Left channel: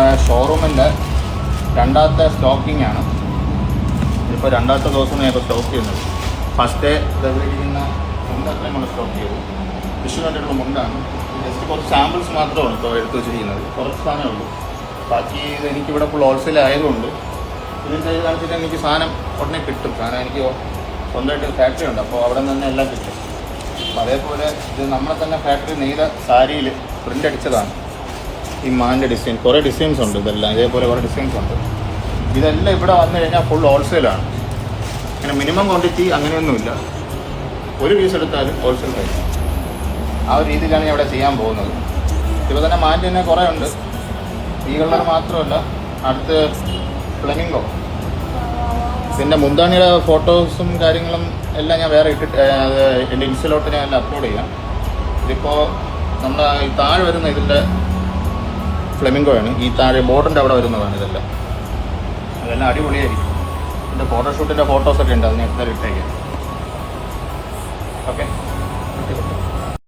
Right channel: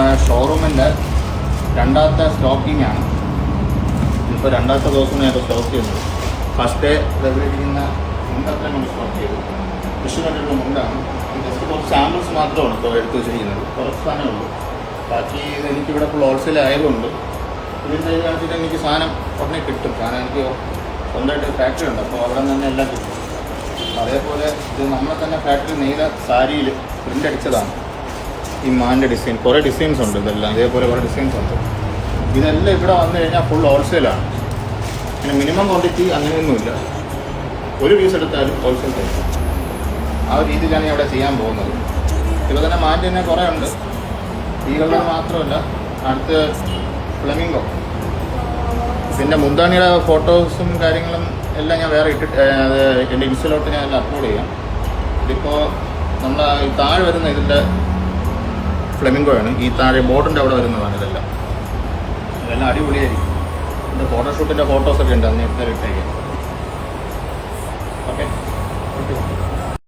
നമ്മുടെ ഷോറൂമിൻ്റെ രണ്ടാമത്തെ സ്റ്റോക്കിംഗ് ആണ്. ഇപ്പോൾ രണ്ടാമത്തെ ദിവസം ഞാൻ സ്റ്റോക്ക് ചെയ്യുന്നത്. ഫസ്റ്റ് ഡേ ഇരിക്കുന്ന മുണ്ടൊക്കെ നമ്മൾ സ്റ്റോക്ക് ചെയ്തു. വിഷു കണ്ടിട്ടുള്ള മുണ്ടാണ്. ജസ്റ്റ് കുറച്ച് സാമ്പിൾസ് മാത്രമാണ് ഇപ്പോൾ എടുത്തു വെച്ചിരിക്കുന്നത്. കുറച്ച് സാധനമുള്ളൂ. ബാക്കി എനിക്കിവിടെ ഫുൾ ഹോൾസെയിൽ ആയതുകൊണ്ട് ഇതിൽ ചെയ്ത് കാണിച്ചിട്ട് എനിക്ക് സാധനം ഉടനെ കിട്ടും. കാരണം എനിക്ക് സ്വന്തമായിട്ട് ഫാക്ടറി ഉണ്ട്. അപ്പോൾ അവിടെ നിന്ന് എല്ലാം കിട്ടും. അതേപോലെ ഇത് നമ്മളെ തന്നെ ഫാക്ടറി നെയ്ത സാരിയിൽ പ്രിന്റ് അടിച്ചതാണ്. ഈ മാൻ്റെ ഡിസൈൻ കുറേ ഡിസൈൻസ് ഉണ്ട്. ഇതെല്ലാം ഇതേപോലെ കുറേ ഡിസൈൻസ് ഉണ്ട്. ഇതെല്ലാം ഇവിടെ വന്നു കഴിഞ്ഞാൽ ഫുൾ ഹോൾസെയിലാണ്. പിന്നെ മിനിമം ക്വാണ്ടിറ്റി അങ്ങനെയൊന്നുമില്ല. ഒരു പീസ് എടുത്താലും ഹോൾസെയിൽ റേറ്റ്. ആ ഒരു രീതിയിലാണ് ഞാൻ ഇവിടെ ചെയ്യാൻ പോകുന്നത്. ഇപ്പോൾ തന്നെ മാൻ്റെ തന്നെ കുറേ ഉണ്ട്. ഈ കളർ മാത്രമല്ല, അടുത്ത് ഫ്ലെമിംഗോ, പിന്നെ മുന്താണിയുടെ ഫോട്ടോസും കാര്യങ്ങളും എല്ലാം ഞാൻ വേറെ ഇട്ടിട്ട് എൻ്റെ ഇൻസ്റ്റയിലോട്ട് ഞാൻ അപ്ലോഡ് ചെയ്യാം. ഇതിപ്പോൾ നമ്മൾ താഴെ വരുന്ന ഇതിൻ്റെ ഫ്ലെമിംഗോയാണ്. ഈ താഴെ ബോർഡിൻ്റെ അവിടെ വരുന്നതാണ് ഇതെല്ലാം. അതെല്ലാം അടിപൊളിയായിരിക്കും. ഇതിൻ്റെ ഫോട്ടോഷൂട്ടിൻ്റെ ഫോട്ടോസൊക്കെ ഉണ്ട്. അത് ഞാൻ ഇട്ടേക്കാം.